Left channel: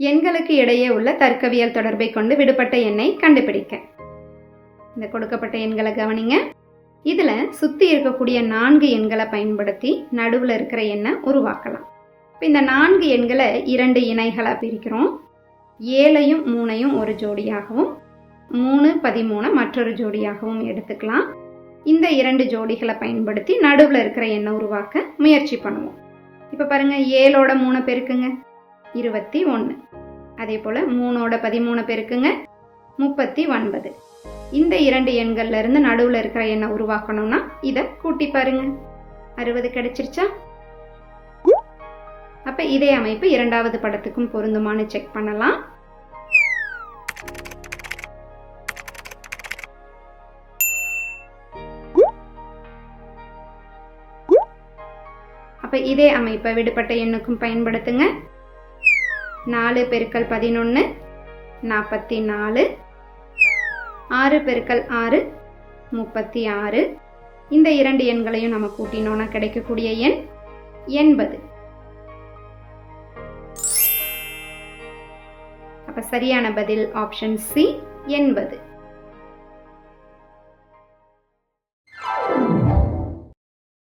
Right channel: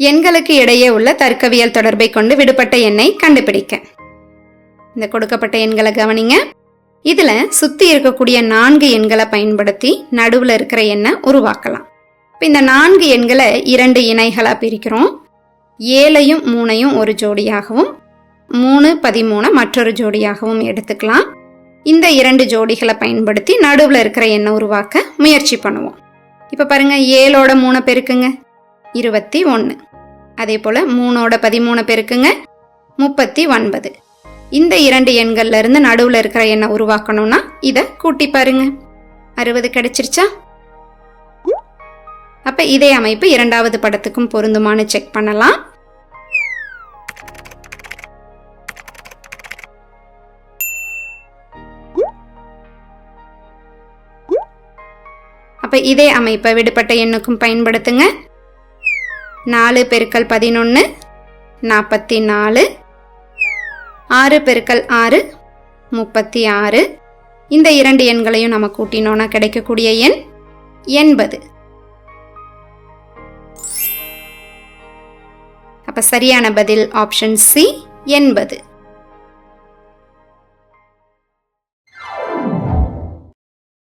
எண்களுக்கு இடையே உள்ள தர்க்கவியல் தொடர்பை கொண்டு விடுபட்ட எண்ணை கண்டுபிடிக்க. இந்த கொடுக்கப்பட்ட எண்களை கவனிங்க. இதுல சுத்தி இருக்கக்கூடிய நான்கு எண்களை பயன்படுத்தி நடுவில் இருக்கிற எண்ணை உருவாக்கலாம். இப்போ இந்த நான்கு எண்களை இரண்டு இணைகளா பிரிக்கிறோம். ஏழையும் மூணையும் ஒரு ஜோடியாகவும் மூணு பதிமூணை மற்றொரு ஜோடியாகவும் எடுத்துக்கலாம். இந்த இரண்டு ஜோடிகளை பயன்படுத்தி நடுவில் இருக்கிற எண்ணை உருவாக்க முயற்சி பண்ணுவோம். இப்போ பாருங்க ஏழோட மூணை பெருக்குங்க. இருபத்தி ஒன்று அதே போல் மூணோட பதிமூணை பெருக்குங்க. முப்பத்தி ஒன்பது. இந்த இரண்டு எண்கள்ல இருந்து நடுவில் இருக்கிற எண்ணை உருவாக்கணும்னா இதை கூட்டி பாருங்க. அறுபது கிடைச்சிருச்சா? அப்போ இதே அமைப்பு இரண்டாவது படத்துக்கும் பொருந்துமான்னு செக் பண்ணலாம். அப்போ இதே அமைப்பை விடுபட்ட எண்ணுக்கும் பயன்படுத்துங்க. நாலு பெருக்கல் பதினொன்று நாற்பத்தி நாலு ஆறு பெருக்கல் ஆறு முப்பத்தி ஆறு இந்த இரண்டு எண்களையும் நம்ம கூட்டினோன்னா கிடைக்கக்கூடிய எண் எண்பது. அப்போ சரியான பதில் ஆப்ஷன் சி எண்பது.